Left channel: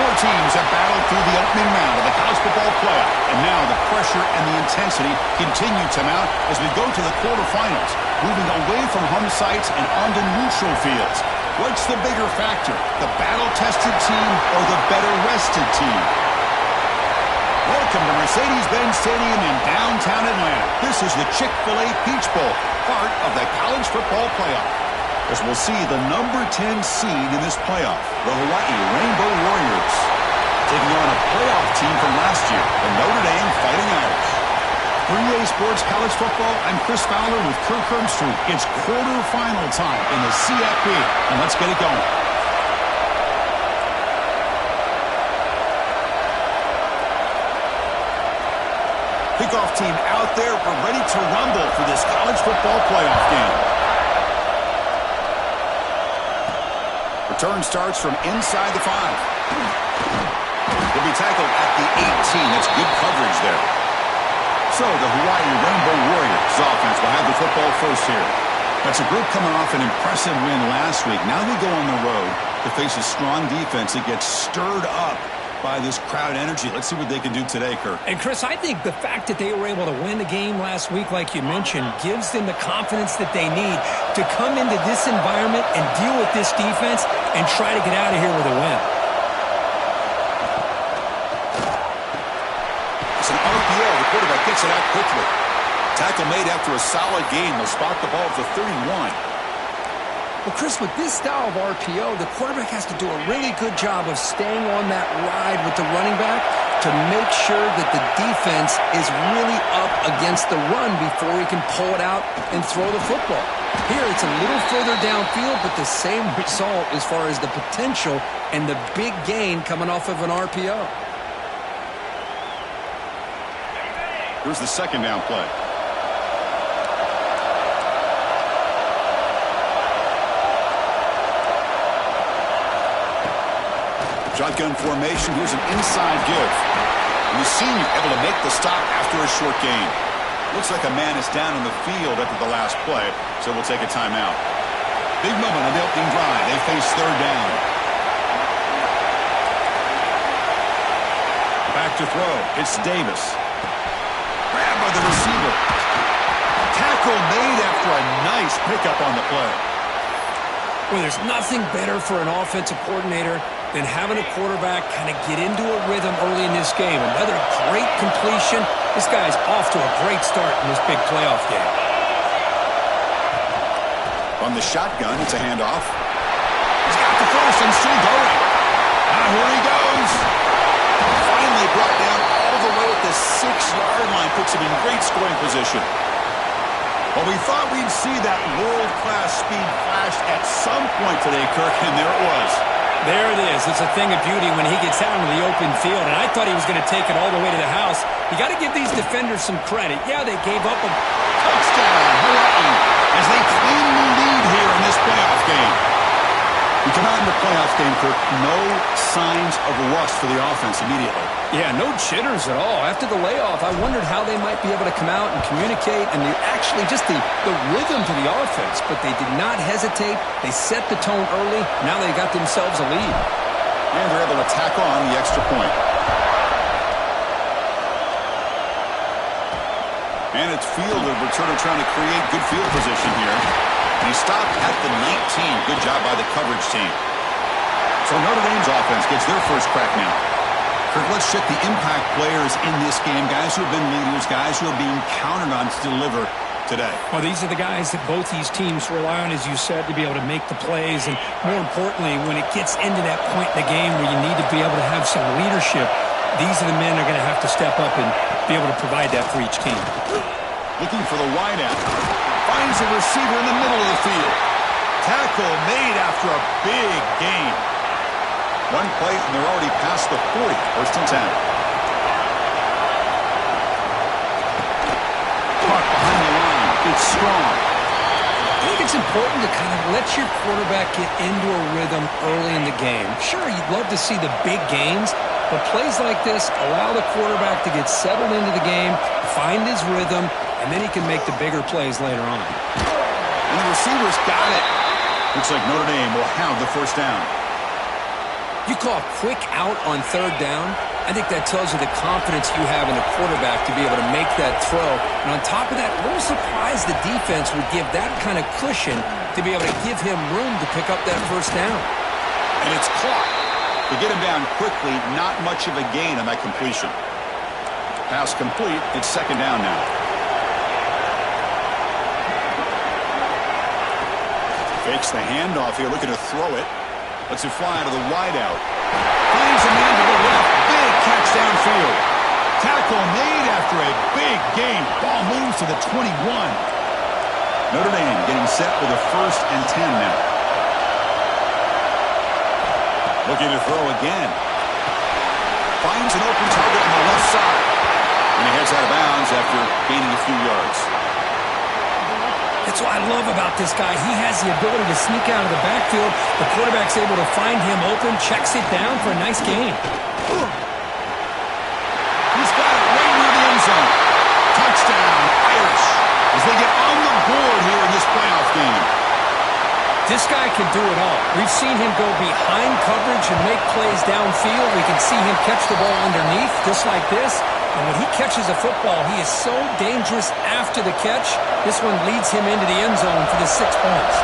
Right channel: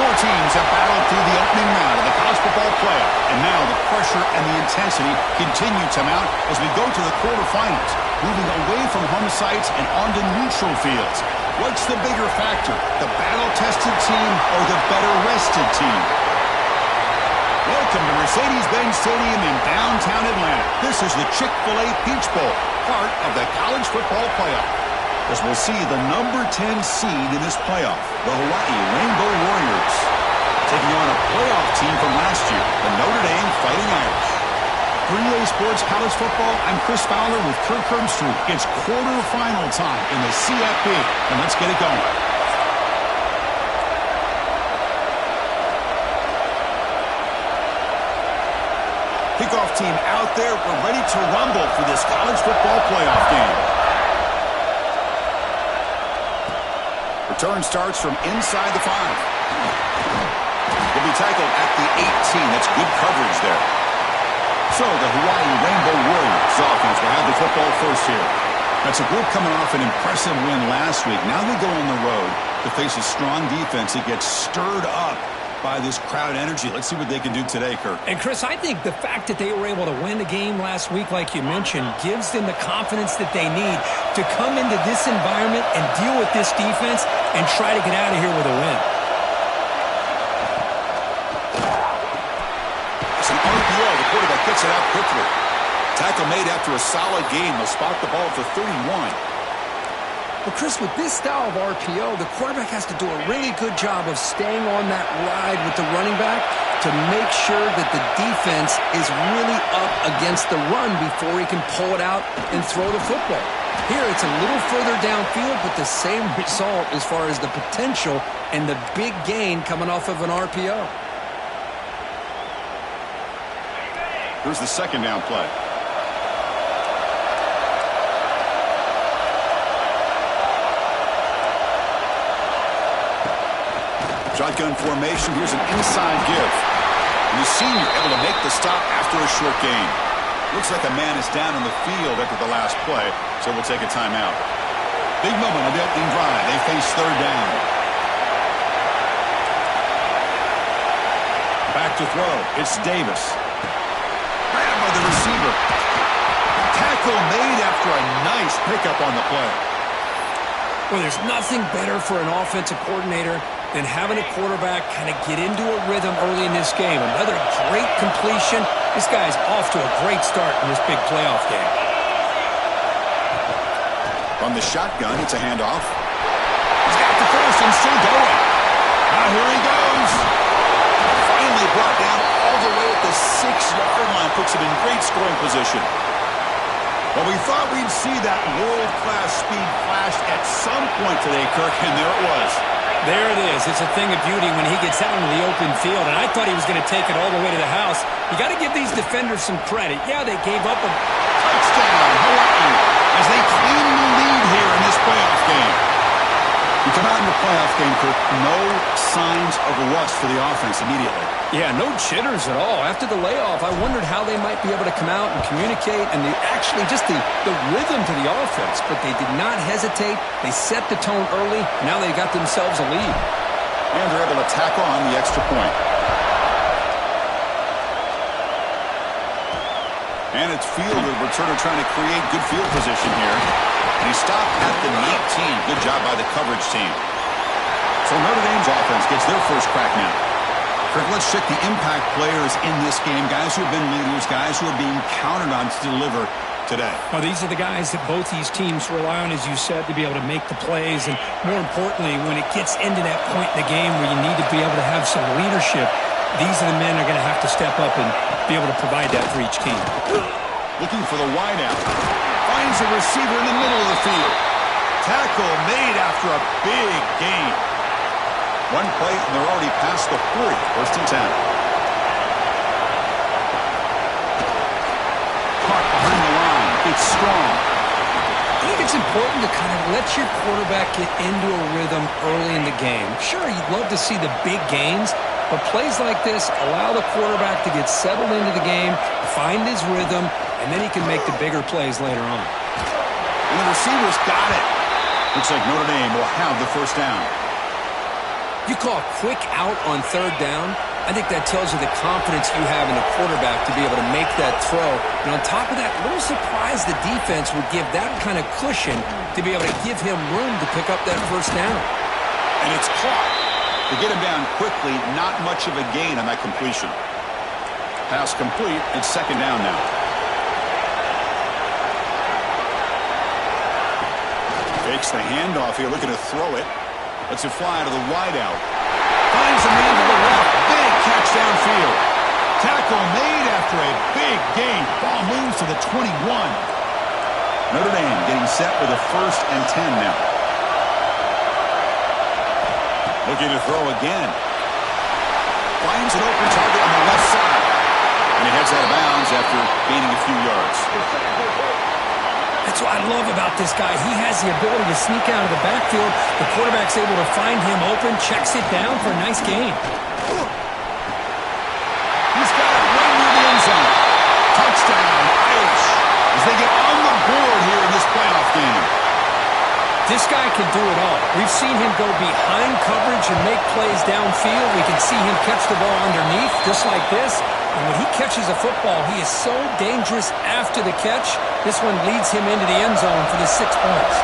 Four teams have battled through the opening round of the college football playoff, and now the pressure and the intensity continue to mount as we go to the quarterfinals, moving away from home sites and onto neutral fields. What's the bigger factor, the battle-tested team or the better-rested team? Welcome to Mercedes-Benz Stadium in downtown Atlanta. This is the Chick-fil-A Peach Bowl, part of the college football playoff. As we'll see the number 10 seed in this playoff, the Hawaii Rainbow Warriors, taking on a playoff team from last year, the Notre Dame Fighting Irish. For EA Sports College Football, I'm Chris Fowler with Kirk Herbstreit. It's quarterfinal time in the CFP, and let's get it going. Kickoff team out there. We're ready to rumble for this college football playoff game. Return starts from inside the 5. He'll be tackled at the 18. That's good coverage there. So the Hawaii Rainbow Warriors offense will have the football first here. That's a group coming off an impressive win last week. Now they go on the road to face a strong defense that gets stirred up by this crowd energy. Let's see what they can do today, Kirk. And, Chris, I think the fact that they were able to win the game last week, like you mentioned, gives them the confidence that they need to come into this environment and deal with this defense and try to get out of here with a win. It's an RPO. The quarterback gets it out quickly. Tackle made after a solid game. They'll spot the ball at the 31. Well, Chris, with this style of RPO, the quarterback has to do a really good job of staying on that ride with the running back to make sure that the defense is really up against the run before he can pull it out and throw the football. Here, it's a little further downfield, but the same result as far as the potential and the big gain coming off of an RPO. Here's the second down play. Shotgun formation. Here's an inside give. And the senior able to make the stop after a short gain. Looks like a man is down on the field after the last play, so we'll take a timeout. Big moment on the opening drive. They face third down. Back to throw. It's Davis. Grabbed by the receiver. Tackle made after a nice pickup on the play. Well, there's nothing better for an offensive coordinator than having a quarterback kind of get into a rhythm early in this game. Another great completion. This guy's off to a great start in this big playoff game. From the shotgun, it's a handoff. He's got the first and still going. Now here he goes. Finally brought down all the way at the 6-yard line. Puts him in great scoring position. Well, we thought we'd see that world-class speed flash at some point today, Kirk, and there it was. There it is. It's a thing of beauty when he gets out into the open field, and I thought he was going to take it all the way to the house. You got to give these defenders some credit. Yeah, they gave up a touchdown, Hawaii, as they claim the lead here in this playoff game. You come out in the playoff game, Kirk, no signs of rust for the offense immediately. Yeah, no jitters at all. After the layoff, I wondered how they might be able to come out and communicate and actually just the rhythm to the offense. But they did not hesitate. They set the tone early. Now they got themselves a lead. And they're able to tack on the extra point. And it's field, the returner trying to create good field position here. And he stopped at the 19. Good job by the coverage team. So Notre Dame's offense gets their first crack now. Kirk, let's check the impact players in this game. Guys who have been leaders, guys who are being counted on to deliver today. Well, these are the guys that both these teams rely on, as you said, to be able to make the plays. And more importantly, when it gets into that point in the game where you need to be able to have some leadership, these are the men that are going to have to step up and be able to provide that for each team. Looking for the wideout. Finds a receiver in the middle of the field. Tackle made after a big gain. One play, and they're already past the 40. First and 10. Caught behind the line. It's strong. I think it's important to kind of let your quarterback get into a rhythm early in the game. Sure, you'd love to see the big gains, but plays like this allow the quarterback to get settled into the game, find his rhythm, and then he can make the bigger plays later on. And the receivers got it. Looks like Notre Dame will have the first down. You call a quick out on third down. I think that tells you the confidence you have in a quarterback to be able to make that throw. And on top of that, a little surprised the defense would give that kind of cushion to be able to give him room to pick up that first down. And it's caught. To get him down quickly, not much of a gain on that completion. Pass complete. It's second down now. Fakes the handoff here, looking to throw it. Lets it fly to the wideout. Finds a man to the left. Big catch downfield. Tackle made after a big gain. Ball moves to the 21. Notre Dame getting set with a 1st and 10 now. Looking to throw again. Finds an open target on the left side. And he heads out of bounds after gaining a few yards. That's what I love about this guy. He has the ability to sneak out of the backfield. The quarterback's able to find him open, checks it down for a nice gain. He's got it right near the end zone. Touchdown, Irish, as they get on the board here in this playoff game. This guy can do it all. We've seen him go behind coverage and make plays downfield. We can see him catch the ball underneath, just like this. And when he catches a football, he is so dangerous after the catch. This one leads him into the end zone for the 6 points.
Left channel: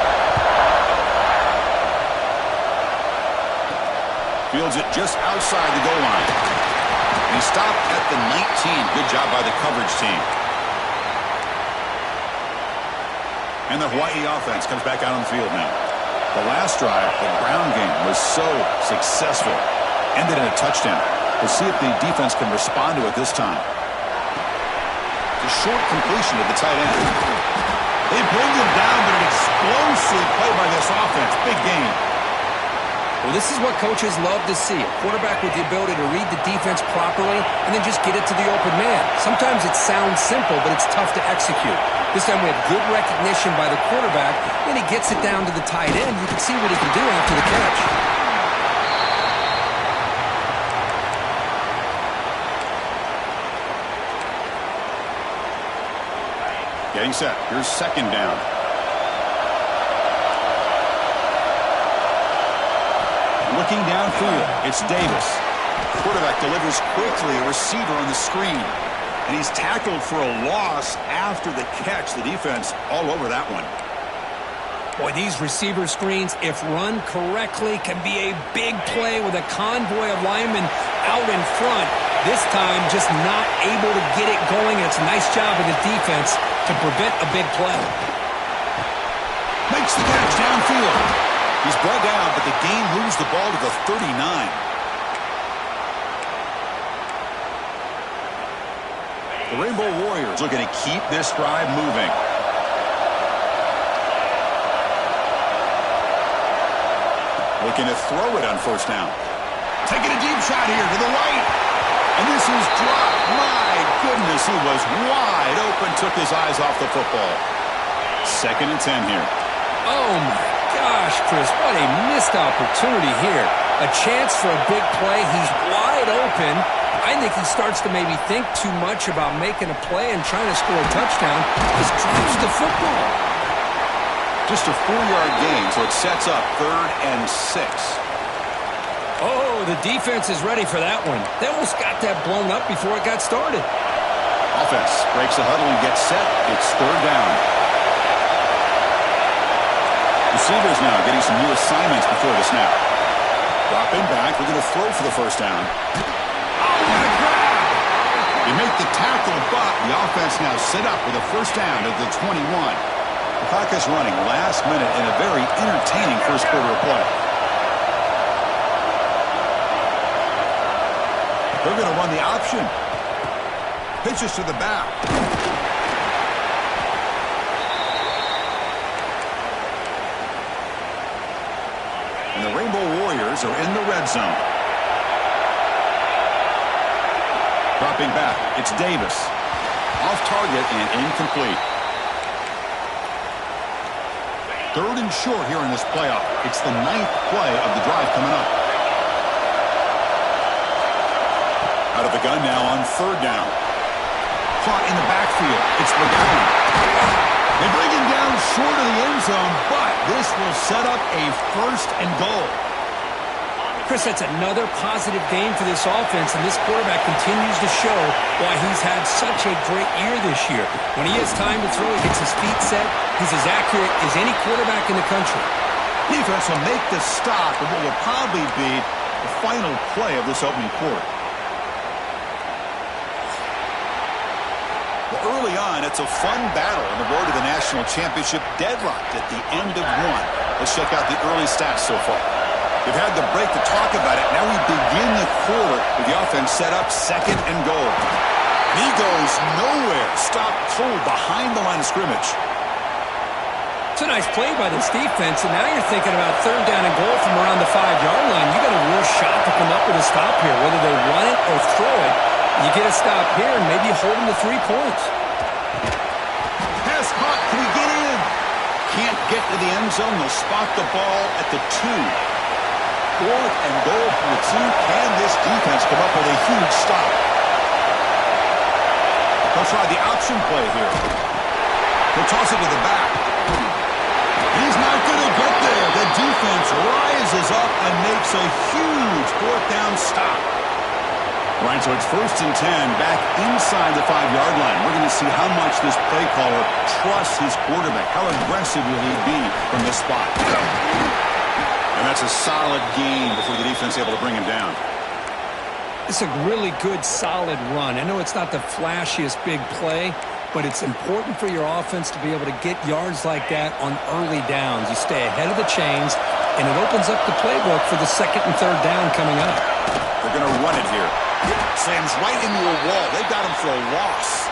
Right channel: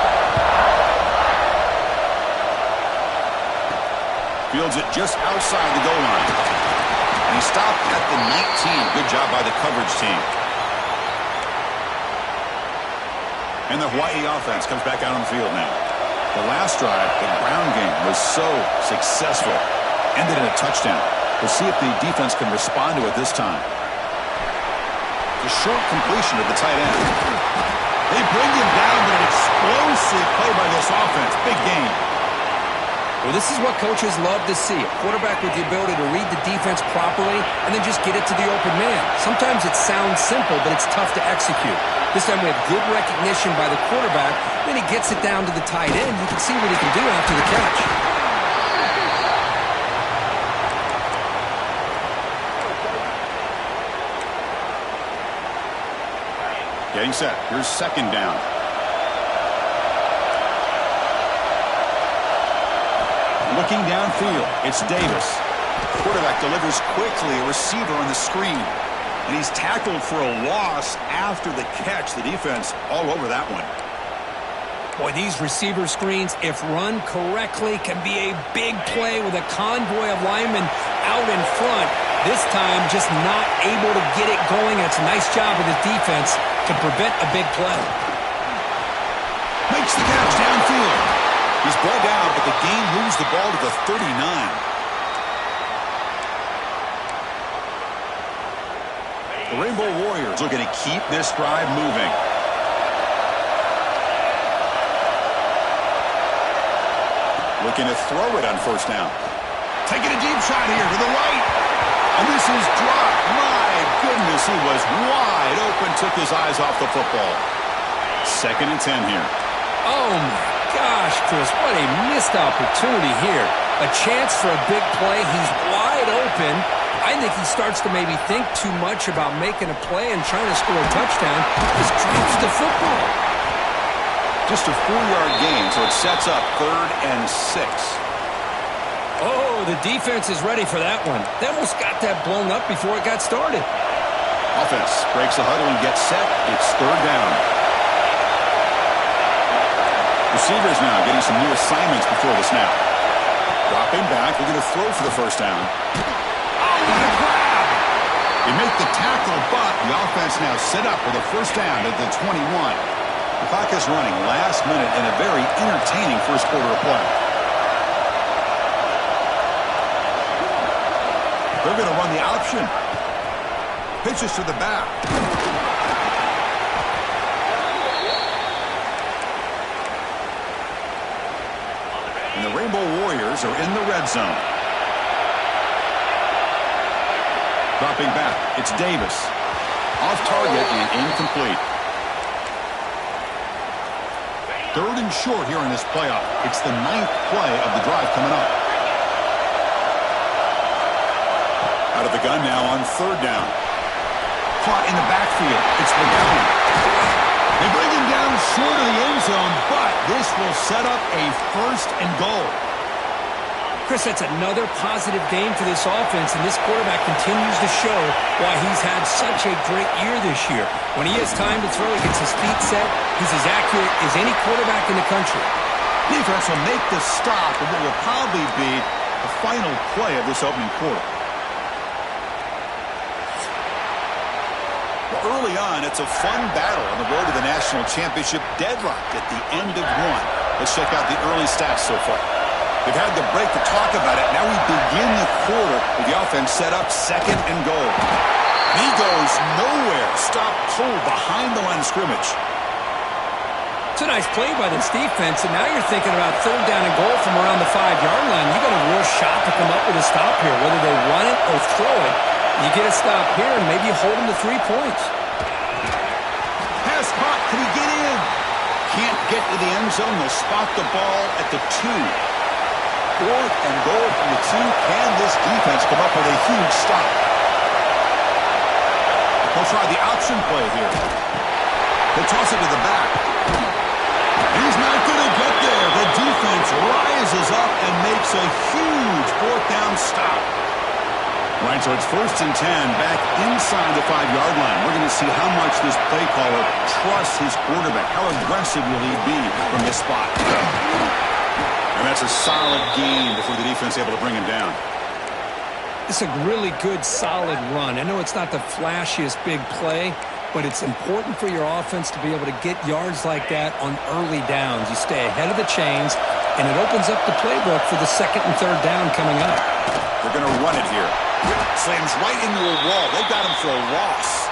Fields it just outside the goal line. And he stopped at the 19. Good job by the coverage team. And the Hawaii offense comes back out on the field now. The last drive, the ground game, was so successful. Ended in a touchdown. We'll see if the defense can respond to it this time. The short completion of the tight end. They bring him down, but an explosive play by this offense. Big game. Well, this is what coaches love to see. A quarterback with the ability to read the defense properly and then just get it to the open man. Sometimes it sounds simple, but it's tough to execute. This time we have good recognition by the quarterback. Then he gets it down to the tight end. You can see what he can do after the catch. Getting set. Here's second down. Looking downfield, it's Davis. Quarterback delivers quickly, a receiver on the screen. And he's tackled for a loss after the catch. The defense all over that one. Boy, these receiver screens, if run correctly, can be a big play with a convoy of linemen out in front. This time, just not able to get it going. And it's a nice job of the defense to prevent a big play. Makes the catch downfield. He's brought down, but the game moves the ball to the 39. The Rainbow Warriors looking to keep this drive moving. Looking to throw it on first down. Taking a deep shot here to the right. And this is dropped. My goodness, he was wide open. Took his eyes off the football. 2nd and 10 here. Oh, my gosh, Chris, what a missed opportunity here. A chance for a big play. He's wide open. I think he starts to maybe think too much about making a play and trying to score a touchdown. Just drops the football. Just a 4-yard gain, so it sets up 3rd and 6. Oh, the defense is ready for that one. They almost got that blown up before it got started. Offense breaks the huddle and gets set. It's 3rd down. Receivers now getting some new assignments before the snap. Dropping back, looking to throw for the first down. Oh, what a grab! They make the tackle, but the offense now set up with a first down at the 21. The clock is running last minute in a very entertaining first quarter of play. They're going to run the option. Pitches to the back. And the Rainbow Warriors are in the red zone. Dropping back, it's Davis. Off target and incomplete. 3rd and short here in this playoff. It's the 9th play of the drive coming up. Out of the gun now on 3rd down. Caught in the backfield. It's McGowan. They bring him down short of the end zone, but this will set up a 1st and goal. Chris, that's another positive game for this offense, and this quarterback continues to show why he's had such a great year this year. When he has time to throw, he gets his feet set. He's as accurate as any quarterback in the country. Defense will make the stop of what will probably be the final play of this opening quarter. Well, early on, it's a fun battle on the road to the national championship, deadlocked at the end of one. Let's check out the early stats so far. We've had the break to talk about it. Now we begin the quarter with the offense set up 2nd and goal. And he goes nowhere. Stop cold behind the line of scrimmage. It's a nice play by this defense, and now you're thinking about 3rd down and goal from around the 5-yard line. You got a real shot to come up with a stop here, whether they run it or throw it. You get a stop here, and maybe you hold them to 3 points. Pass caught. Can he get in? Can't get to the end zone. They'll spot the ball at the 2. 4th and goal from the 2. Can this defense come up with a huge stop? They'll try the option play here. He'll toss it to the back. He's not going to get there. The defense rises up and makes a huge 4th down stop. Right, so it's 1st and 10 back inside the 5-yard line. We're going to see how much this play caller trusts his quarterback. How aggressive will he be from this spot? And that's a solid gain before the defense is able to bring him down. It's a really good, solid run. I know it's not the flashiest big play, but it's important for your offense to be able to get yards like that on early downs. You stay ahead of the chains, and it opens up the playbook for the 2nd and 3rd down coming up. They're going to run it here. Slams right into a wall. They've got him for a loss.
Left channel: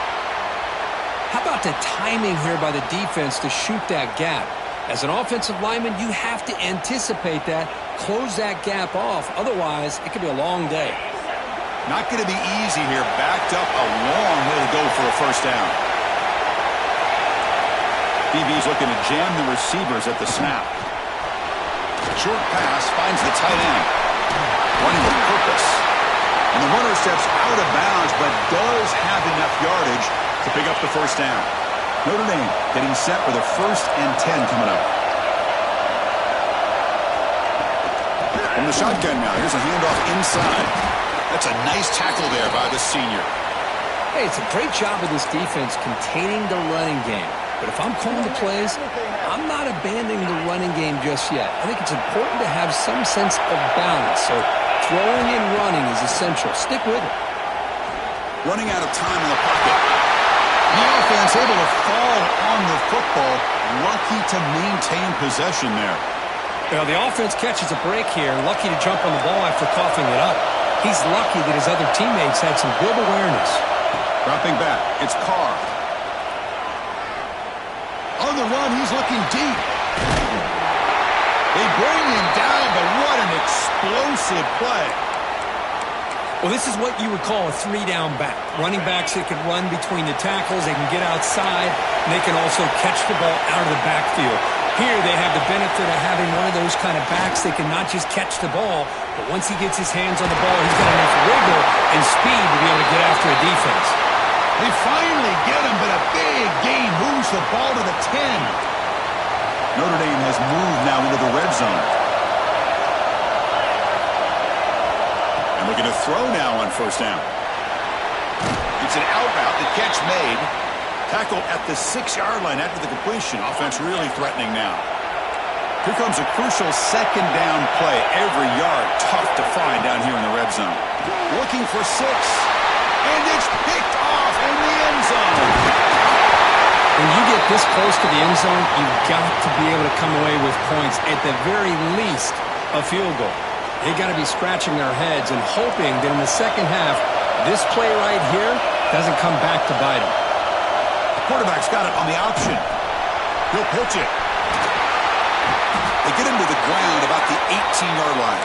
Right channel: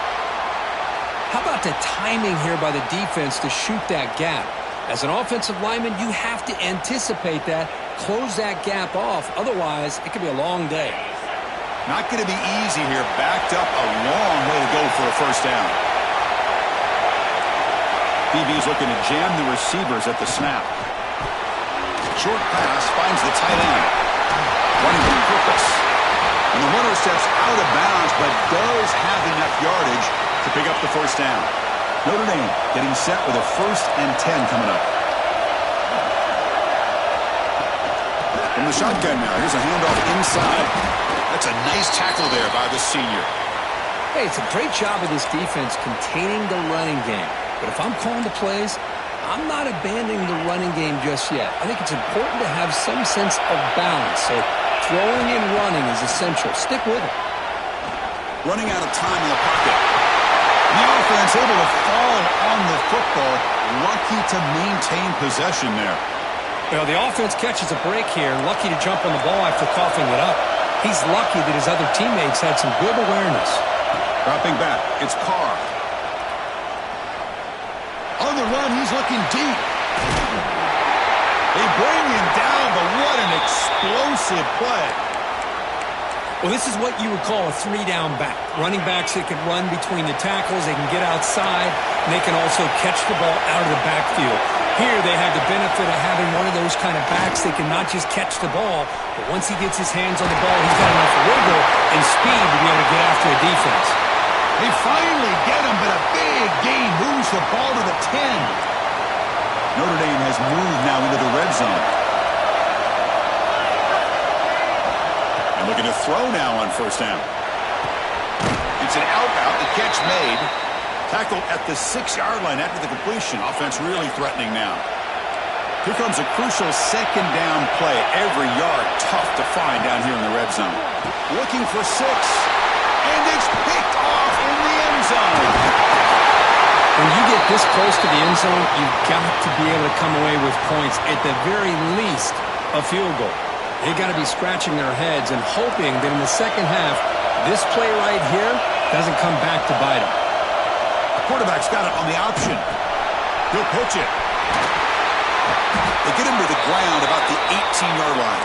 How about the timing here by the defense to shoot that gap? As an offensive lineman, you have to anticipate that, close that gap off. Otherwise, it could be a long day. Not going to be easy here. Backed up a long way to go for a 1st down. DB's looking to jam the receivers at the snap. Short pass finds the tight end. Running with purpose. And the runner steps out of bounds, but does have enough yardage to pick up the 1st down. Notre Dame getting set with a 1st and 10 coming up. From the shotgun now, here's a handoff inside. That's a nice tackle there by the senior. Hey, it's a great job of this defense containing the running game. But if I'm calling the plays, I'm not abandoning the running game just yet. I think it's important to have some sense of balance. So throwing and running is essential. Stick with it. Running out of time in the pocket. The offense able to fall on the football. Lucky to maintain possession there. Well, the offense catches a break here. Lucky to jump on the ball after coughing it up. He's lucky that his other teammates had some good awareness. Dropping back, it's Carr. On the run, he's looking deep. They bring him down, but what an explosive play. Well, this is what you would call a 3-down back. Running backs that can run between the tackles, they can get outside, and they can also catch the ball out of the backfield. Here they have the benefit of having one of those kind of backs that can not just catch the ball, but once he gets his hands on the ball, he's got enough wiggle and speed to be able to get after a defense. They finally get him, but a big gain moves the ball to the 10. Notre Dame has moved now into the red zone. And looking to throw now on 1st down. It's an out route, the catch made. Tackled at the 6-yard line after the completion. Offense really threatening now. Here comes a crucial 2nd down play. Every yard tough to find down here in the red zone. Looking for 6. And it's picked off in the end zone. When you get this close to the end zone, you've got to be able to come away with points. At the very least, a field goal. They got to be scratching their heads and hoping that in the second half, this play right here doesn't come back to bite them. The quarterback's got it on the option. He'll pitch it. They get him to the ground about the 18-yard line.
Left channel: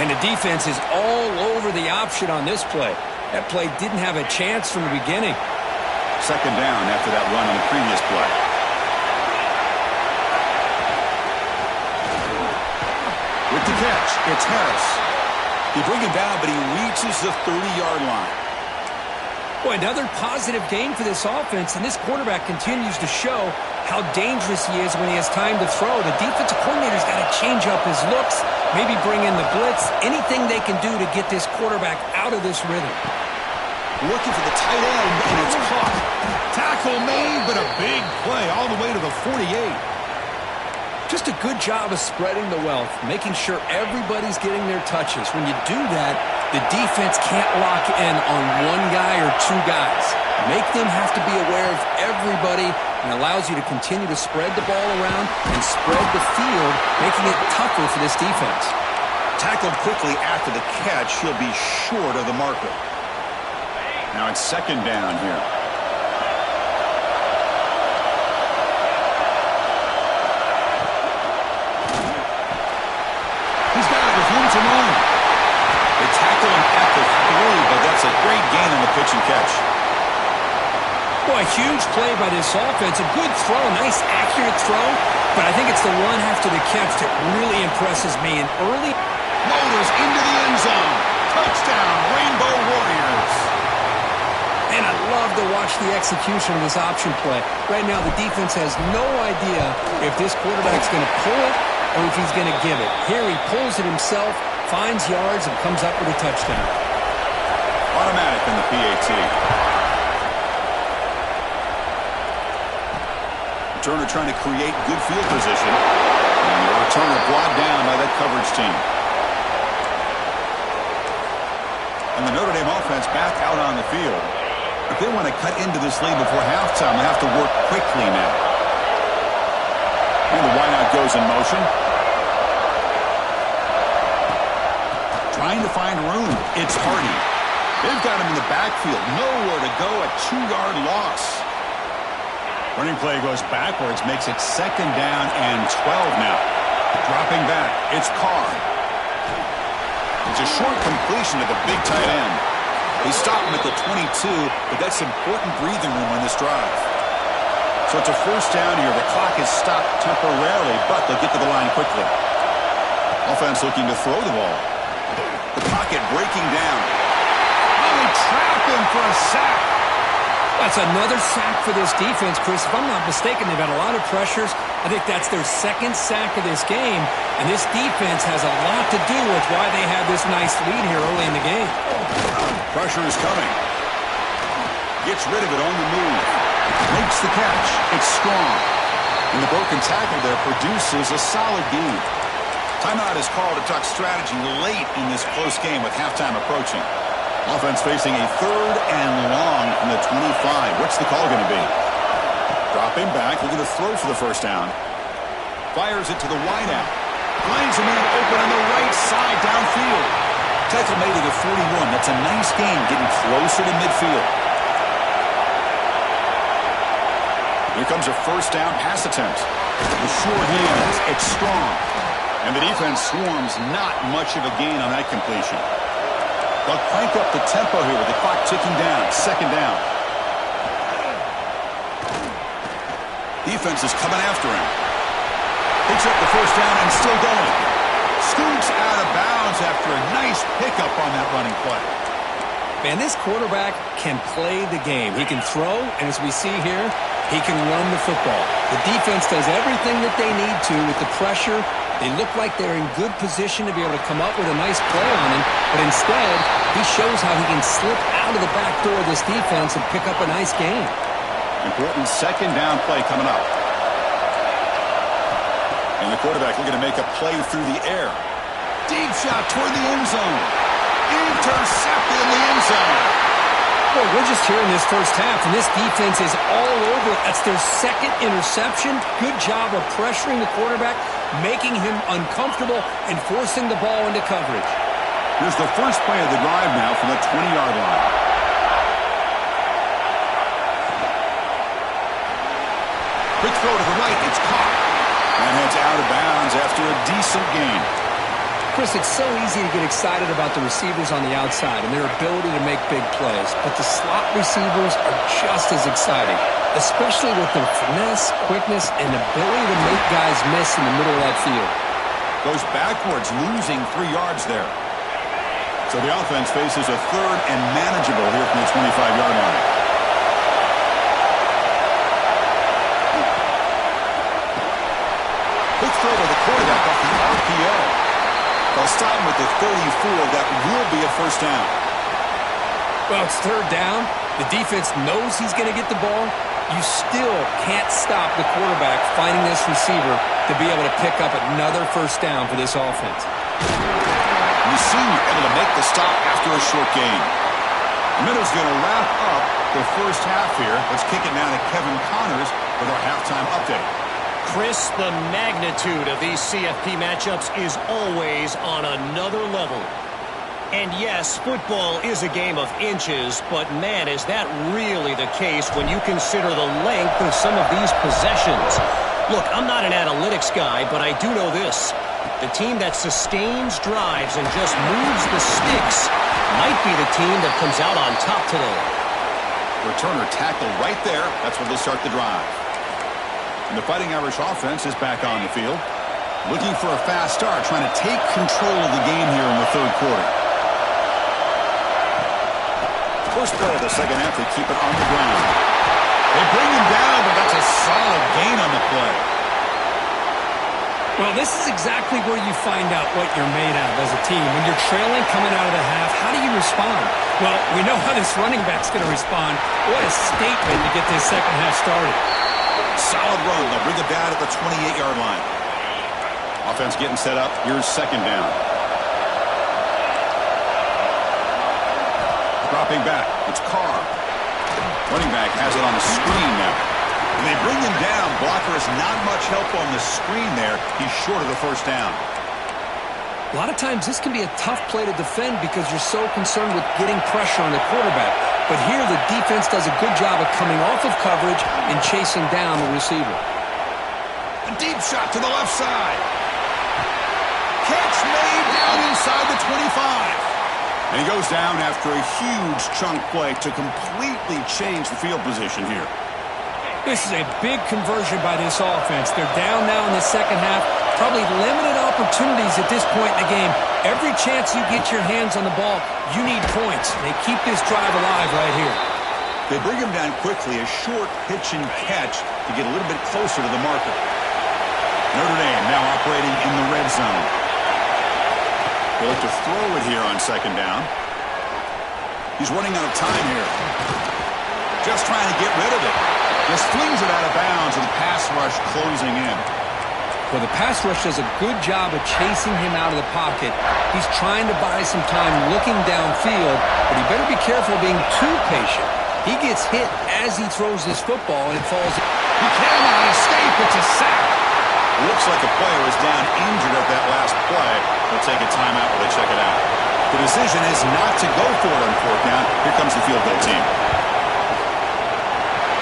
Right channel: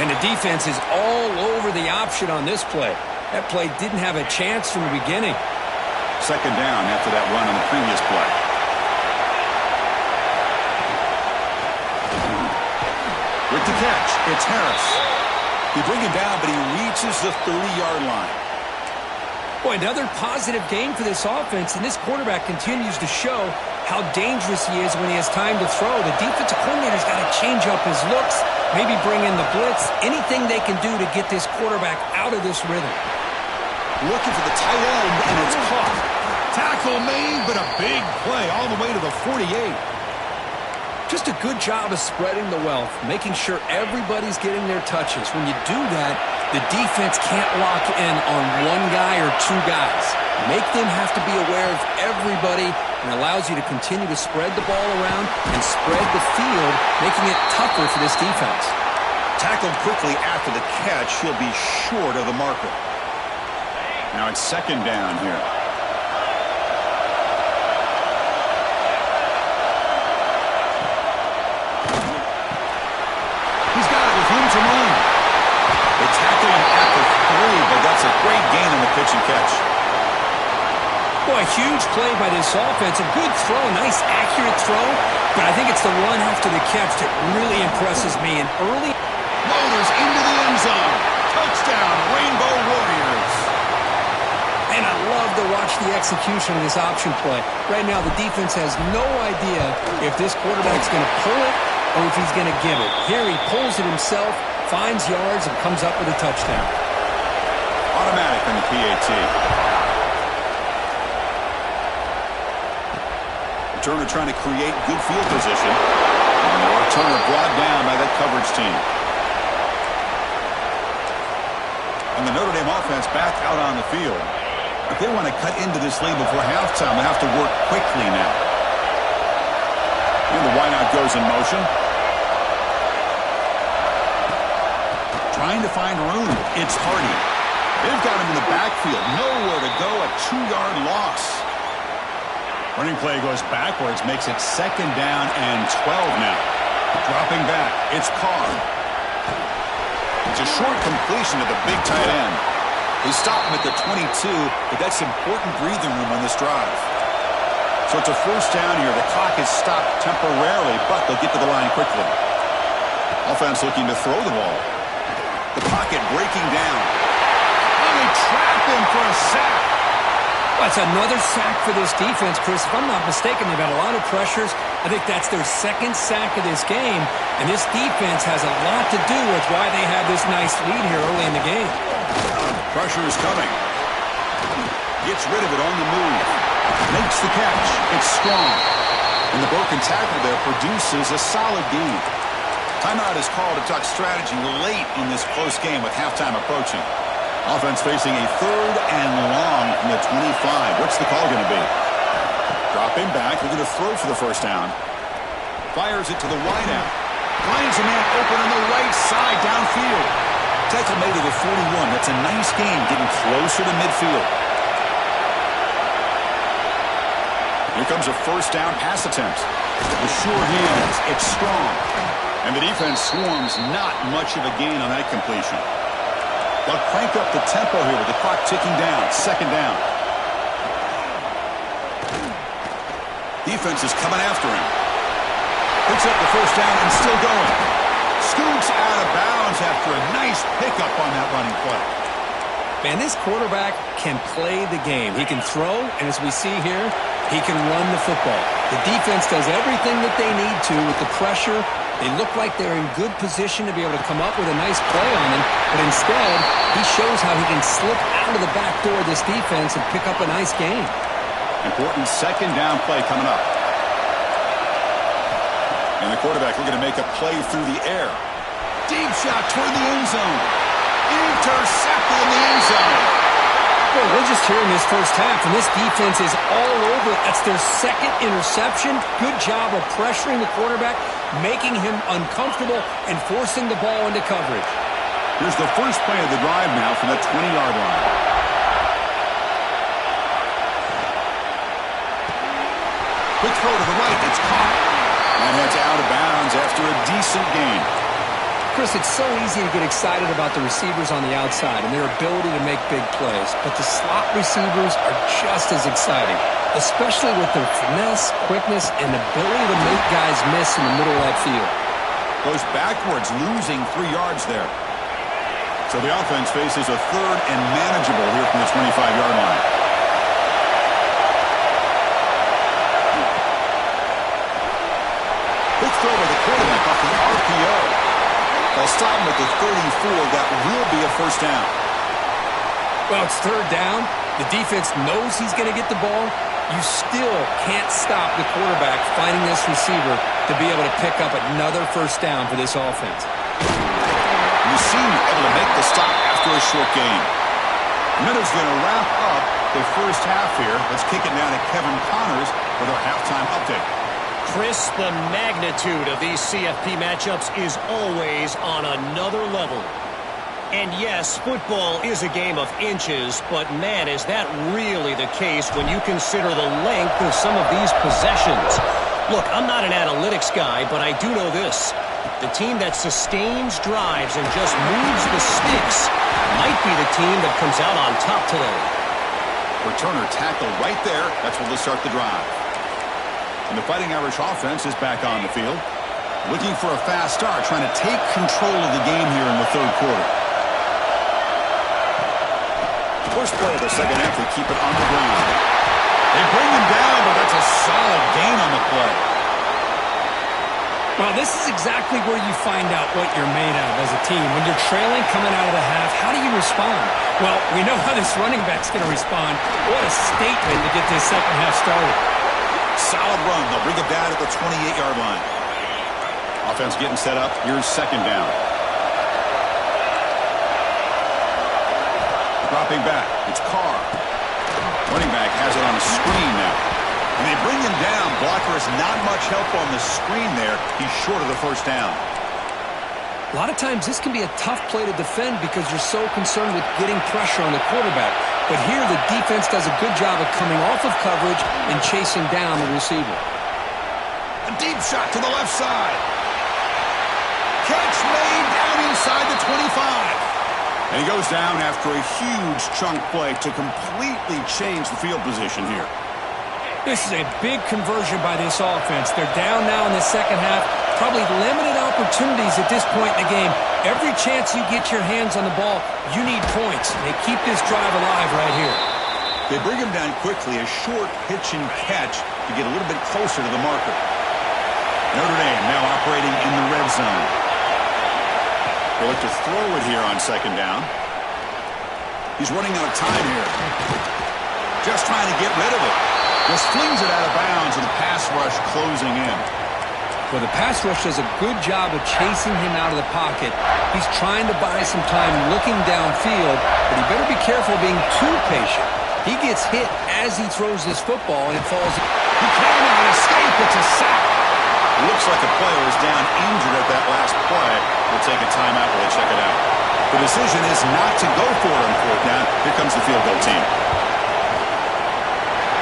And the defense is all over the option on this play. That play didn't have a chance from the beginning. 2nd down after that run on the previous play. With the catch, it's Harris. They bring him down, but he reaches the 30-yard line. Boy, another positive game for this offense, and this quarterback continues to show how dangerous he is when he has time to throw. The defensive coordinator's got to change up his looks, maybe bring in the blitz, anything they can do to get this quarterback out of this rhythm. Looking for the tight end, and it's caught. Tackle made, but a big play all the way to the 48. Just a good job of spreading the wealth, making sure everybody's getting their touches. When you do that, the defense can't lock in on one guy or two guys. Make them have to be aware of everybody, and allows you to continue to spread the ball around and spread the field, making it tougher for this defense. Tackled quickly after the catch, he'll be short of the marker. Now it's second down here. He's got it with room to run. They tackle him at the 3, but that's a great gain on the pitch and catch. Boy, huge play by this offense. A good throw, nice accurate throw, but I think it's the run after the catch that really impresses me. And early motors into the end zone. Touchdown, Rainbow Warriors. And I love to watch the execution of this option play. Right now, the defense has no idea if this quarterback's going to pull it or if he's going to give it. Here he pulls it himself, finds yards, and comes up with a touchdown. Automatic in the PAT. Returner trying to create good field position. And the returner brought down by that coverage team. And the Notre Dame offense back out on the field. If they want to cut into this lead before halftime, they have to work quickly now. And the wideout goes in motion. Trying to find room. It's Hardy. They've got him in the backfield. Nowhere to go. A 2-yard loss. Running play goes backwards. Makes it second down and 12 now. Dropping back. It's Carr. It's a short completion to the big tight end. They stop him at the 22, but that's important breathing room on this drive. So it's a first down here. The clock is stopped temporarily, but they'll get to the line quickly. Offense looking to throw the ball. The pocket breaking down. Oh, they trap him for a sack. Well, it's another sack for this defense, Chris. If I'm not mistaken, they've had a lot of pressures. I think that's their second sack of this game, and this defense has a lot to do with why they have this nice lead here early in the game. Pressure is coming. Gets rid of it on the move. Makes the catch. It's strong. And the broken tackle there produces a solid gain. Timeout is called to talk strategy late in this close game with halftime approaching. Offense facing a 3rd and long from the 25. What's the call going to be? Dropping back, looking to throw for the first down. Fires it to the wideout. Finds a man open on the right side downfield. Tackle made to the 41. That's a nice gain, getting closer to midfield. Here comes a first down pass attempt. The sure hands. It's strong. And the defense swarms not much of a gain on that completion. They'll crank up the tempo here with the clock ticking down. Second down. Defense is coming after him. Picks up the first down and still going. Scoots out of bounds after a nice pickup on that running play. Man, this quarterback can play the game. He can throw, and as we see here, he can run the football. The defense does everything that they need to with the pressure. They look like they're in good position to be able to come up with a nice play on him, but instead, he shows how he can slip out of the back door of this defense and pick up a nice gain. Important second down play coming up. And the quarterback looking to make a play through the air. Deep shot toward the end zone. Intercepted in the end zone. Boy, we're just here in this first half, and this defense is all over it. That's their second interception. Good job of pressuring the quarterback, making him uncomfortable, and forcing the ball into coverage. Here's the first play of the drive now from the 20-yard line. Quick throw to the right. It's caught. And heads out of bounds after a decent gain. Chris, it's so easy to get excited about the receivers on the outside and their ability to make big plays, but the slot receivers are just as exciting, especially with their finesse, quickness, and ability to make guys miss in the middle of that field. Goes backwards, losing 3 yards there. So the offense faces a 3rd and manageable here from the 25-yard line. RPO. They'll stop him at the 34. That will be a first down. Well, it's third down. The defense knows he's going to get the ball. You still can't stop the quarterback finding this receiver to be able to pick up another first down for this offense. The senior able to make the stop after a short gain. Minutes going to wrap up the first half here. Let's kick it now to Kevin Connors with our halftime update. Chris, the magnitude of these CFP matchups is always on another level. And yes, football is a game of inches, but man, is that really the case when you consider the length of some of these possessions. Look, I'm not an analytics guy, but I do know this. The team that sustains drives and just moves the sticks might be the team that comes out on top today. Returner tackle right there. That's what will start the drive. And the Fighting Irish offense is back on the field. Looking for a fast start, trying to take control of the game here in the third quarter. First play of the second half, they keep it on the ground. They bring him down, but that's a solid gain on the play. Well, this is exactly where you find out what you're made of as a team. When you're trailing coming out of the half, how do you respond? Well, we know how this running back's going to respond. What a statement to get this second half started. Solid run. They'll bring it down at the 28-yard line. Offense getting set up. Here's second down. Dropping back. It's Carr. Running back has it on the screen now. And they bring him down. Blocker has not much help on the screen there. He's short of the first down. A lot of times this can be a tough play to defend because you're so concerned with getting pressure on the quarterback. But here the defense does a good job of coming off of coverage and chasing down the receiver. A deep shot to the left side. Catch made down inside the 25. And he goes down after a huge chunk play to completely change the field position here. This is a big conversion by this offense. They're down now in the second half. Probably limited opportunities at this point in the game. Every chance you get your hands on the ball, you need points. They keep this drive alive right here. They bring him down quickly. A short pitch and catch to get a little bit closer to the marker. Notre Dame now operating in the red zone. They'll look to throw it here on second down. He's running out of time here. Just trying to get rid of it. Just flings it out of bounds with the pass rush closing in. Well, the pass rush does a good job of chasing him out of the pocket. He's trying to buy some time looking downfield, but he better be careful being too patient. He gets hit as he throws this football, and it falls. He cannot escape. It's a sack. Looks like a player is down injured at that last play. We'll take a timeout while they check it out. The decision is not to go for it on fourth down. Here comes the field goal team.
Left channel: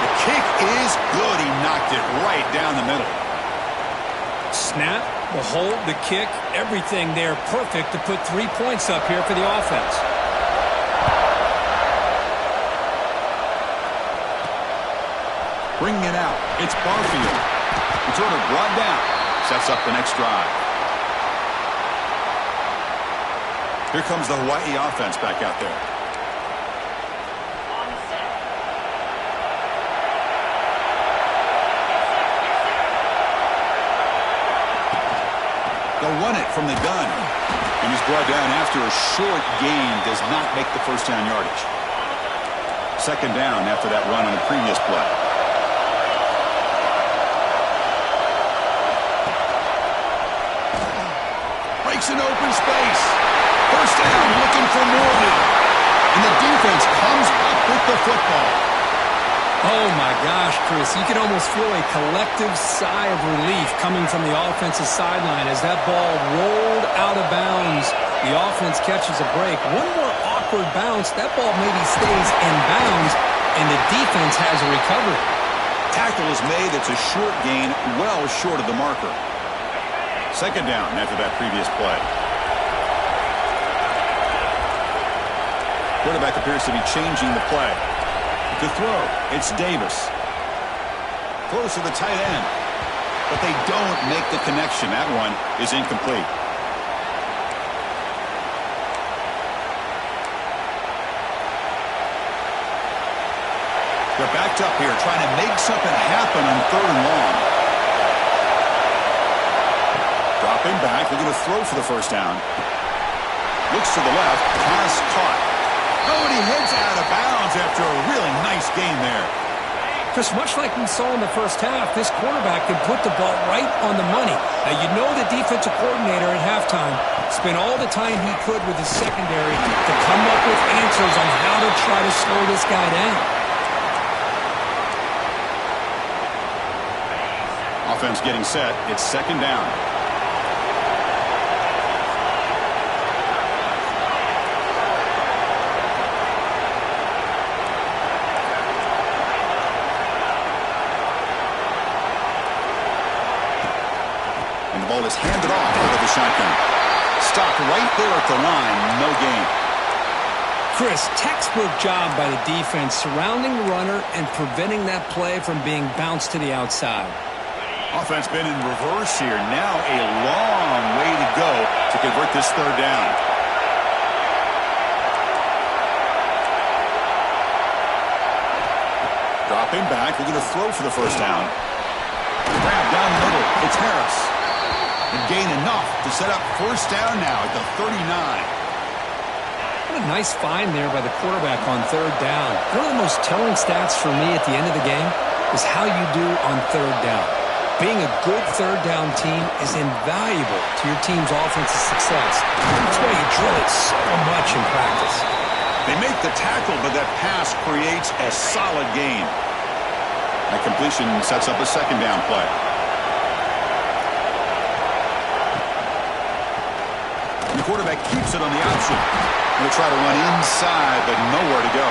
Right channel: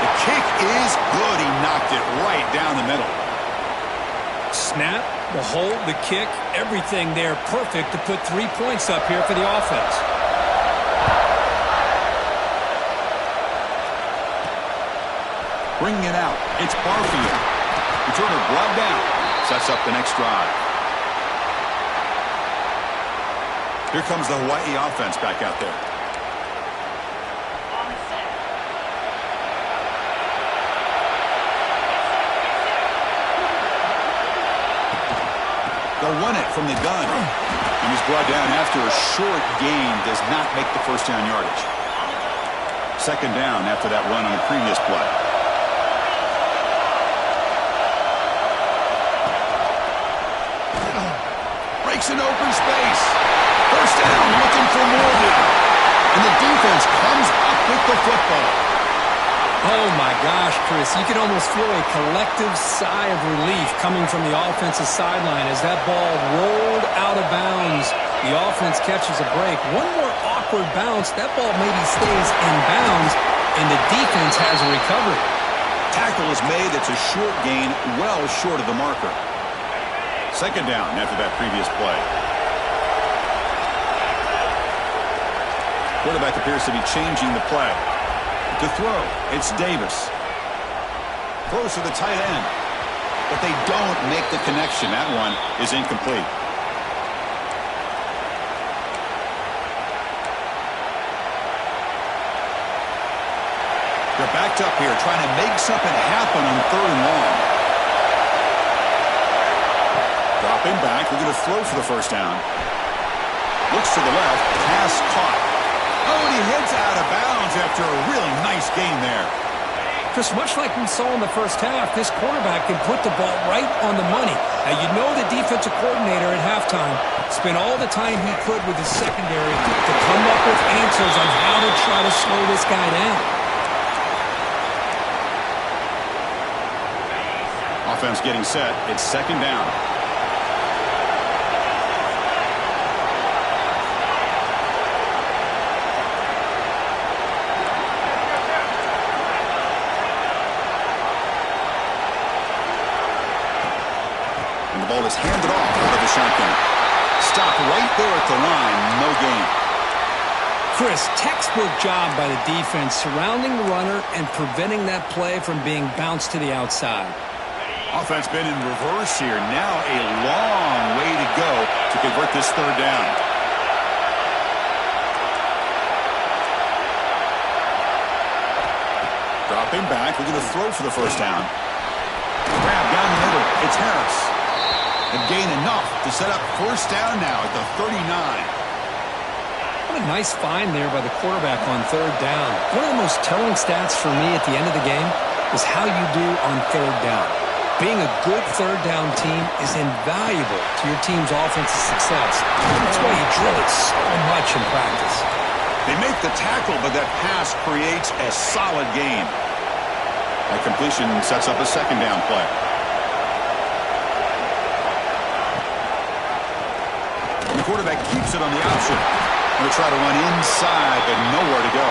The kick is good. He knocked it right down the middle. Snap, the hold, the kick, everything there perfect to put 3 points up here for the offense. Bringing it out. It's Barfield. Returner brought down. Sets up the next drive. Here comes the Hawaii offense back out there. They'll run it from the gun. And he's brought down after a short gain. Does not make the first down yardage. Second down after that run on the previous play. Breaks an open space. First down, looking for more now. And the defense comes up with the football. Oh, my gosh, Chris. You can almost feel a collective sigh of relief coming from the offensive sideline as that ball rolled out of bounds. The offense catches a break. One more awkward bounce. That ball maybe stays in bounds, and the defense has a recovery. Tackle is made. It's a short gain, well short of the marker. Second down after that previous play. Quarterback appears to be changing the play. To throw, it's Davis. Throws to the tight end. But they don't make the connection. That one is incomplete. They're backed up here trying to make something happen on third and long. Drop Dropping back, looking to throw for the first down. Looks to the left, pass caught. Oh, and he heads out of bounds after a really nice gain there. Chris, much like we saw in the first half, this quarterback can put the ball right on the money. Now, you know the defensive coordinator at halftime spent all the time he could with his secondary to come up with answers on how to try to slow this guy down. Offense getting set. It's second down. And the ball is handed off out of the shotgun. Stopped right there at the line. No gain. Chris, textbook job by the defense surrounding the runner and preventing that play from being bounced to the outside. Offense been in reverse here. Now a long way to go to convert this third down. Dropping back, looking to throw for the first down. Grab down the middle. It's Harris. And gain enough to set up first down now at the 39. What a nice find there by the quarterback on third down. One of the most telling stats for me at the end of the game is how you do on third down. Being a good third down team is invaluable to your team's offensive success. That's why you drill it so much in practice. They make the tackle, but that pass creates a solid gain. That completion sets up a second down play. And the quarterback keeps it on the option. Going to try to run inside, but nowhere to go.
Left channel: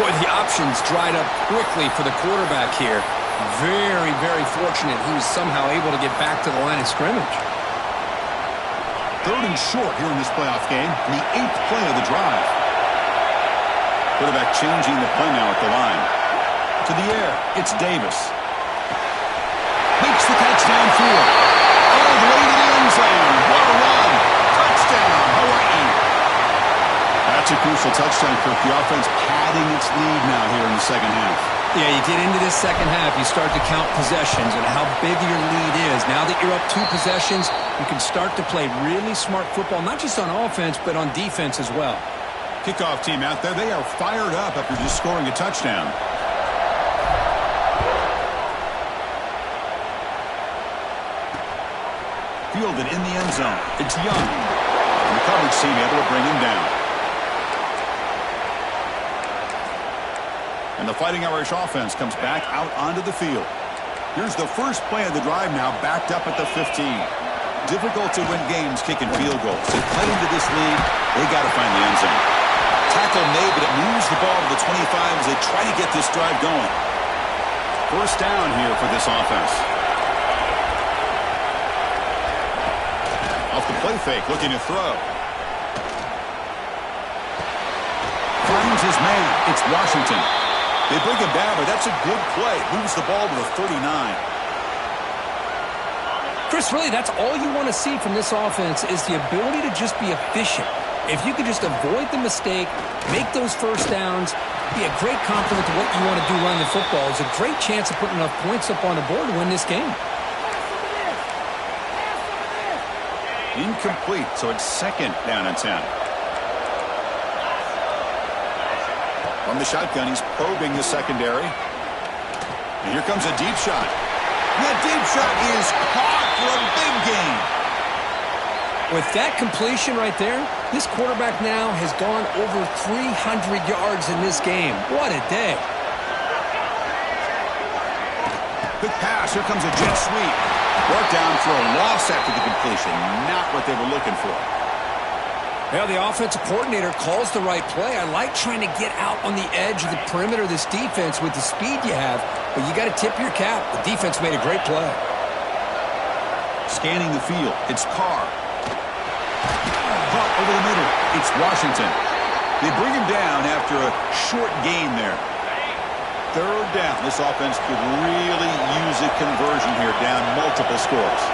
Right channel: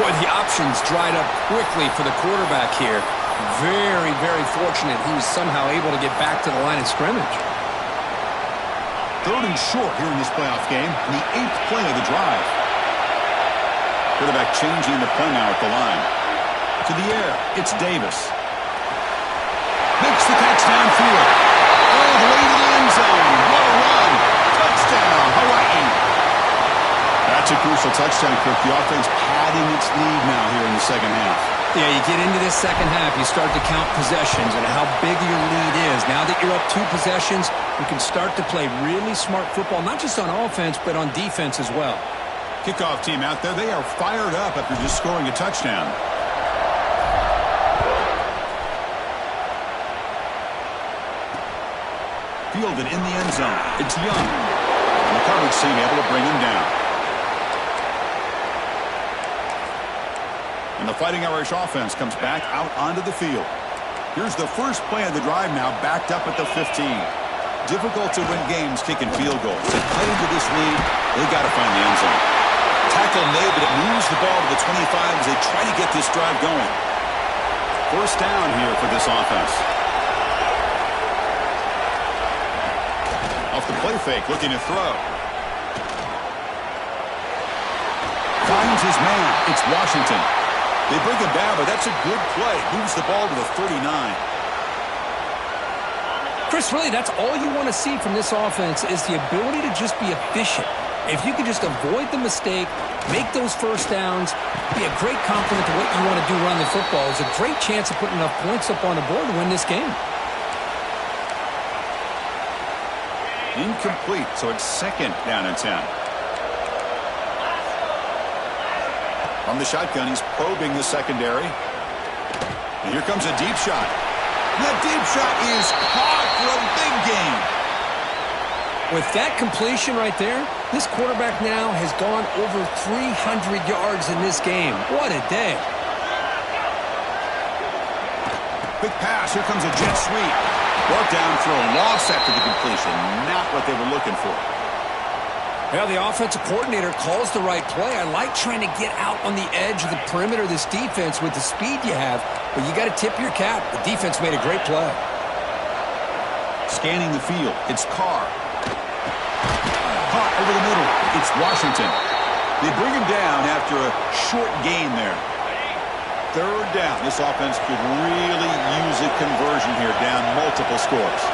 Boy, the options dried up quickly for the quarterback here. Very, very fortunate he was somehow able to get back to the line of scrimmage. Third and short here in this playoff game, the 8th play of the drive. Quarterback changing the play now at the line. To the air, it's Davis. Makes the catch downfield. All the way to the end zone. What a run. Touchdown, Hawaii. That's a crucial touchdown, Kirk. The offense padding its lead now here in the second half. Yeah, you get into this second half, you start to count possessions and how big your lead is. Now that you're up 2 possessions, you can start to play really smart football, not just on offense, but on defense as well. Kickoff team out there, they are fired up after just scoring a touchdown. Fielded in the end zone. It's Young. And the coverage team able to bring him down. And the Fighting Irish offense comes back out onto the field. Here's the first play of the drive now, backed up at the 15. Difficult to win games kicking field goals. They play into this lead, they got to find the end zone. Tackle made, but it moves the ball to the 25 as they try to get this drive going. First down here for this offense. Off the play fake, looking to throw. Finds his man. It's Washington. They bring him down, but that's a good play. Moves the ball to the 39. Chris, really, that's all you want to see from this offense is the ability to just be efficient. If you can just avoid the mistake, make those first downs, be a great compliment to what you want to do running the football. It's a great chance of putting enough points up on the board to win this game. Incomplete, so it's second down and 10. From the shotgun, he's probing the secondary. And here comes a deep shot. And that deep shot is caught for a big gain. With that completion right there, this quarterback now has gone over 300 yards in this game. What a day. Quick pass. Here comes a jet sweep. Brought down for a loss after the completion. Not what they were looking for. Well, the offensive coordinator calls the right play. I like trying to get out on the edge of the perimeter of this defense with the speed you have, but you got to tip your cap. The defense made a great play. Scanning the field. It's Carr. Caught over the middle. It's Washington. They bring him down after a short gain there. Third down. This offense could really use a conversion here, down multiple scores.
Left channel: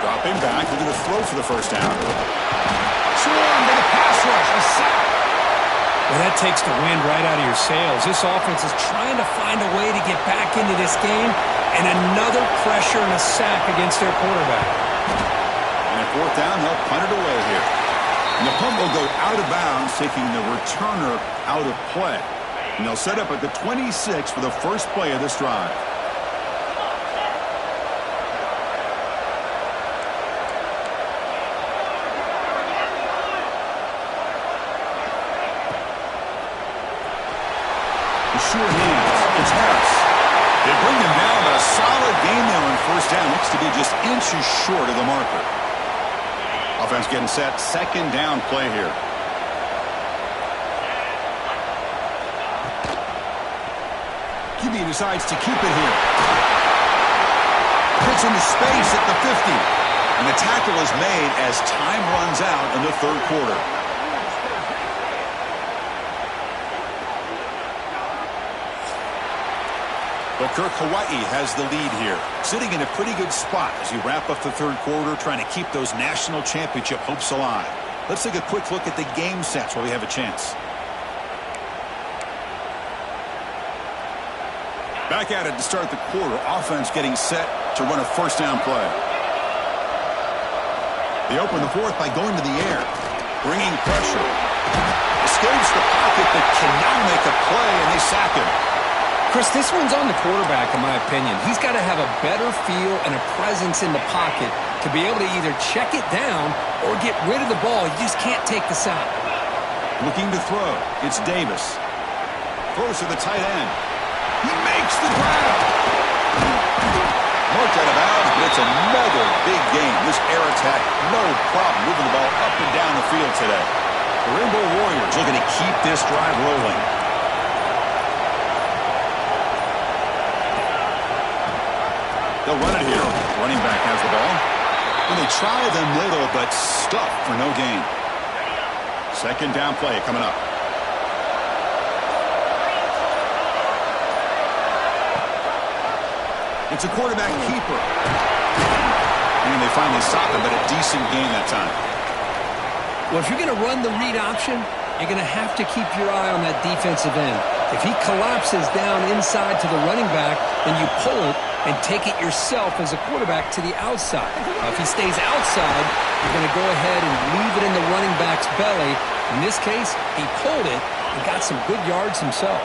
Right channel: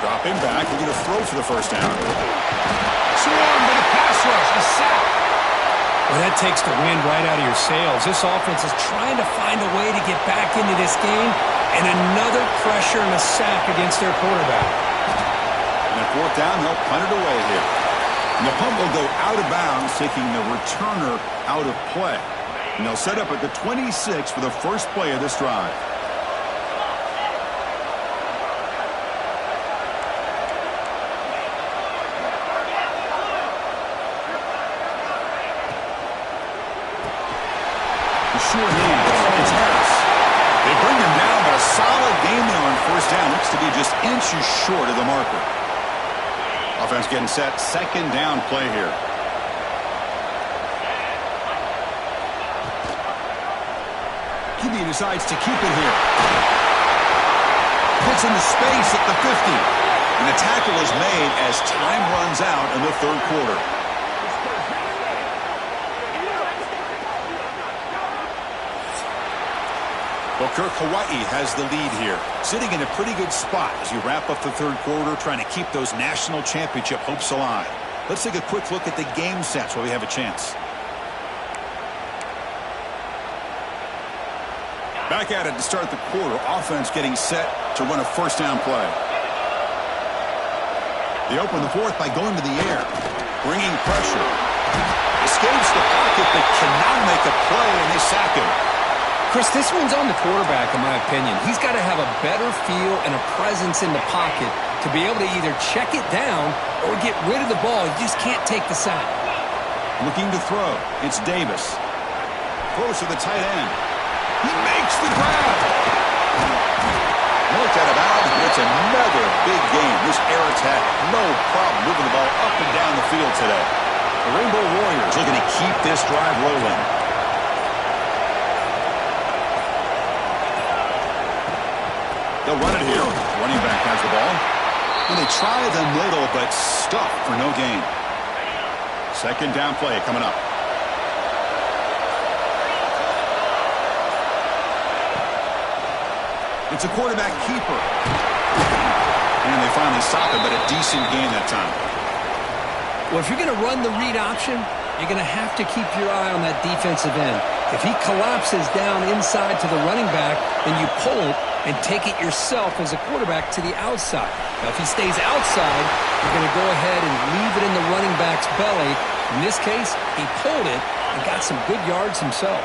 Dropping back, looking to throw for the first down. Swarmed by the pass rush, a sack. Well, that takes the wind right out of your sails. This offense is trying to find a way to get back into this game, and another pressure and a sack against their quarterback. And at fourth down, they'll punt it away here. And the punt will go out of bounds, taking the returner out of play. And they'll set up at the 26 for the first play of this drive. Sure hands. It's Harris. They bring him down, but a solid game there on first down. Looks to be just inches short of the marker. Offense getting set. Second down play here. QB decides to keep it here. Hits into space at the 50. And the tackle is made as time runs out in the third quarter. Well, Kirk, Hawaii has the lead here, sitting in a pretty good spot as you wrap up the third quarter, trying to keep those national championship hopes alive. Let's take a quick look at the game sets while we have a chance. Back at it to start the quarter. Offense getting set to run a first down play. They open the fourth by going to the air, bringing pressure. Escapes the pocket but cannot make a play, and they sack him. Chris, this one's on the quarterback, in my opinion. He's got to have a better feel and a presence in the pocket to be able to either check it down or get rid of the ball. You just can't take the sack. Looking to throw. It's Davis. Throws to the tight end. He makes the grab. Marked out of bounds, but it's another big game. This air attack, no problem moving the ball up and down the field today. The Rainbow Warriors looking to keep this drive rolling. They'll run it here. Running back has the ball. And they try the middle, but stuffed for no gain. Second down play coming up. It's a quarterback keeper. And they finally stop him, but a decent gain that time. Well, if you're going to run the read option, you're going to have to keep your eye on that defensive end. If he collapses down inside to the running back, then you pull it and take it yourself as a quarterback to the outside. Now, if he stays outside, you're going to go ahead and leave it in the running back's belly. In this case, he pulled it and got some good yards himself.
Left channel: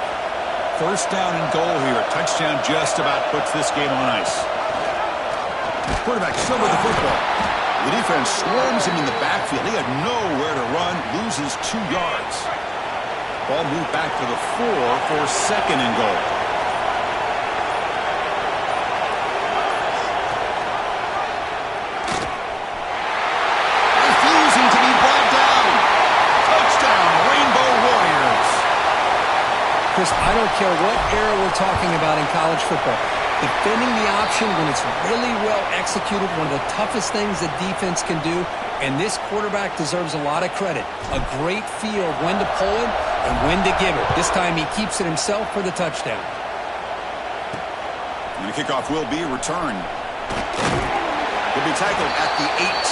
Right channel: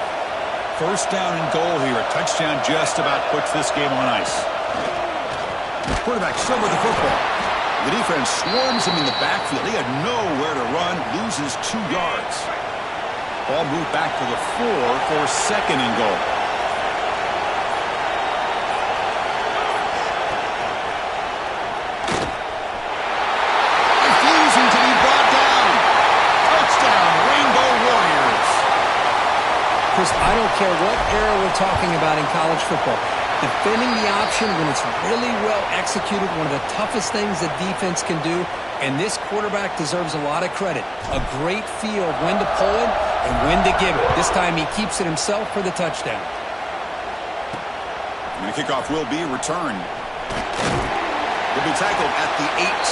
First down and goal here. A touchdown just about puts this game on ice. Quarterback still with the football. The defense swarms him in the backfield. He had nowhere to run, loses 2 yards. Ball moved back to the 4 for second and goal. Refusing to be brought down. Touchdown, Rainbow Warriors. Chris, I don't care what era we're talking about in college football. Defending the option when it's really well executed, one of the toughest things the defense can do, and this quarterback deserves a lot of credit. A great feel of when to pull it and when to give it. This time he keeps it himself for the touchdown. And the kickoff will be returned. He'll be tackled at the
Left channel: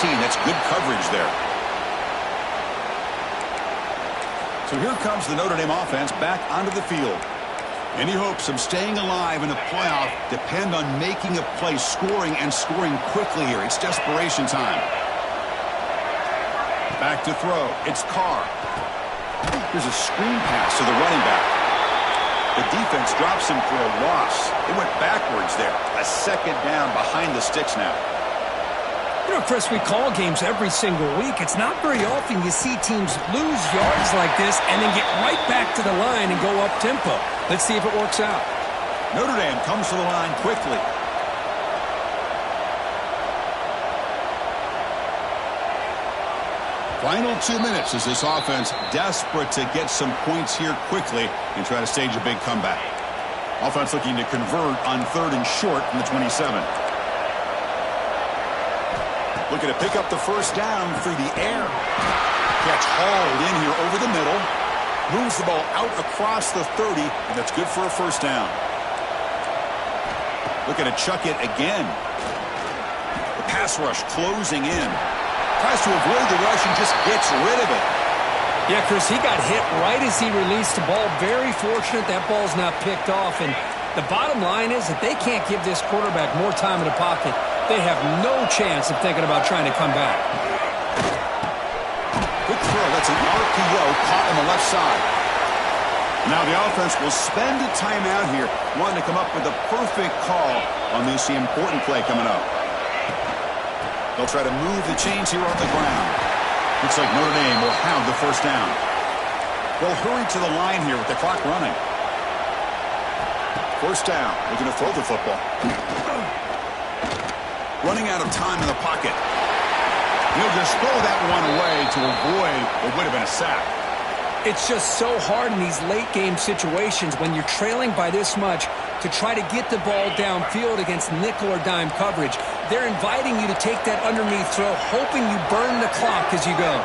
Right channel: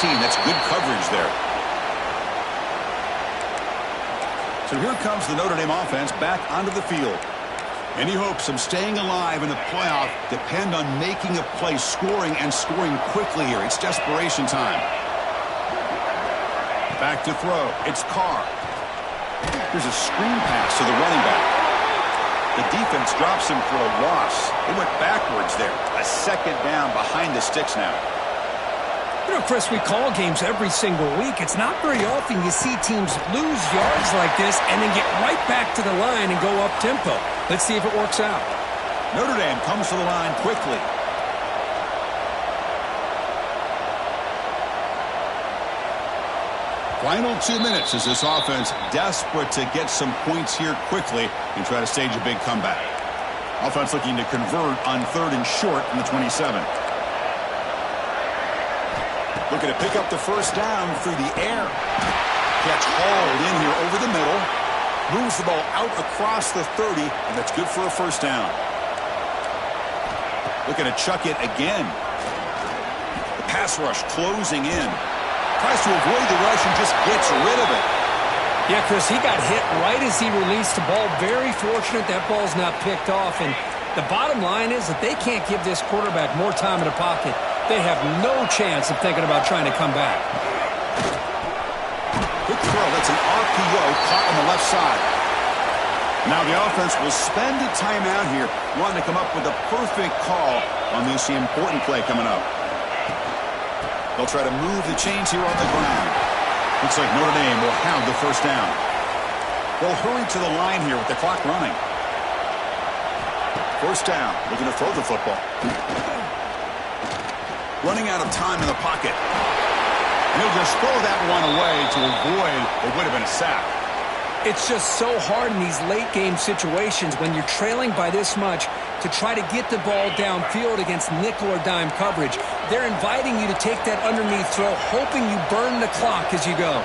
18. That's good coverage there. So here comes the Notre Dame offense back onto the field. Any hopes of staying alive in the playoff depend on making a play, scoring, and scoring quickly here. It's desperation time. Back to throw. It's Carr. Here's a screen pass to the running back. The defense drops him for a loss. They went backwards there. A second down behind the sticks now. You know, Chris, we call games every single week. It's not very often you see teams lose yards like this and then get right back to the line and go up tempo. Let's see if it works out. Notre Dame comes to the line quickly. Final 2 minutes as this offense desperate to get some points here quickly and try to stage a big comeback. Offense looking to convert on 3rd and short from the 27. Looking to pick up the first down through the air. Catch hauled in here over the middle. Moves the ball out across the 30, and that's good for a first down. Looking to chuck it again. The pass rush closing in. Tries to avoid the rush and just gets rid of it. Yeah, Chris, he got hit right as he released the ball. Very fortunate that ball's not picked off. And the bottom line is that they can't give this quarterback more time in the pocket. They have no chance of thinking about trying to come back. Quick throw. That's an RPO caught on the left side. Now the offense will spend a timeout here, wanting to come up with a perfect call on this important play coming up. They'll try to move the chains here on the ground. Looks like Notre Dame will have the first down. They'll hurry to the line here with the clock running. First down, looking to throw the football. Running out of time in the pocket. He'll just throw that one away to avoid what would have been a sack. It's just so hard in these late game situations when you're trailing by this much to try to get the ball downfield against nickel or dime coverage. They're inviting you to take that underneath throw, hoping you burn the clock as you go.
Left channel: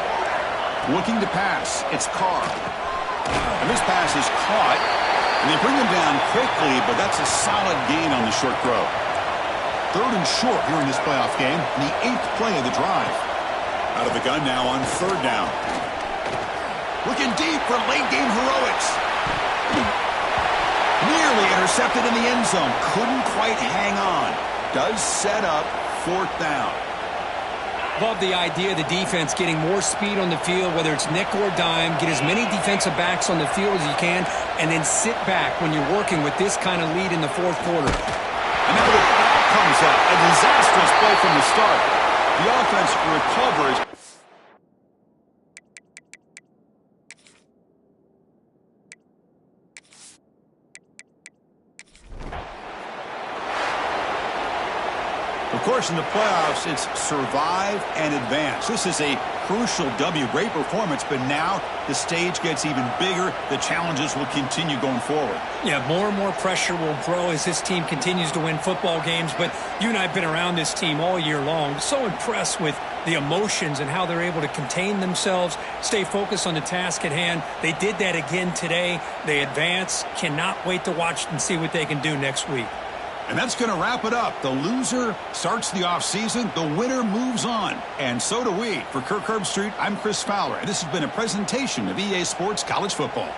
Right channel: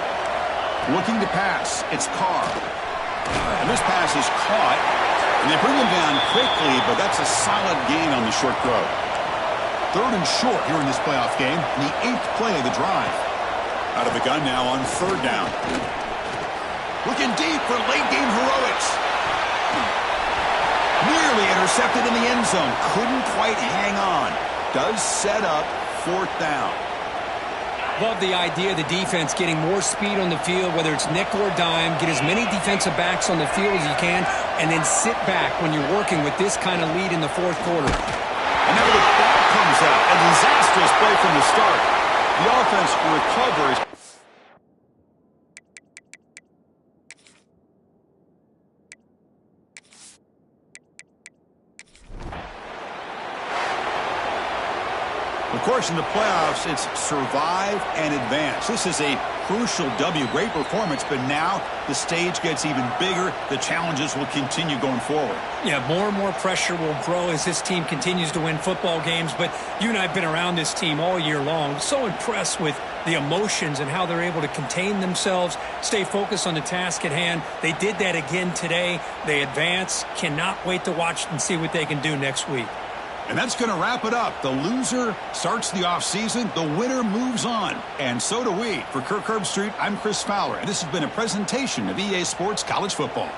Looking to pass, it's Carr. And this pass is caught, and they bring him down quickly, but that's a solid gain on the short throw. 3rd and short here in this playoff game, the 8th play of the drive. Out of the gun now on 3rd down. Looking deep for late-game heroics. Nearly intercepted in the end zone. Couldn't quite hang on. Does set up 4th down. Love the idea of the defense getting more speed on the field, whether it's nickel or dime. Get as many defensive backs on the field as you can, and then sit back when you're working with this kind of lead in the 4th quarter. And now the ball comes out. A disastrous play from the start. The offense recovers. Of course, in the playoffs, it's survive and advance. This is a crucial W. Great performance, but now the stage gets even bigger. The challenges will continue going forward. Yeah, more and more pressure will grow as this team continues to win football games, but you and I have been around this team all year long. So impressed with the emotions and how they're able to contain themselves, stay focused on the task at hand. They did that again today. They advance. Cannot wait to watch and see what they can do next week. And that's going to wrap it up. The loser starts the offseason. The winner moves on. And so do we. For Kirk Herbstreit, I'm Chris Fowler. And this has been a presentation of EA Sports College Football.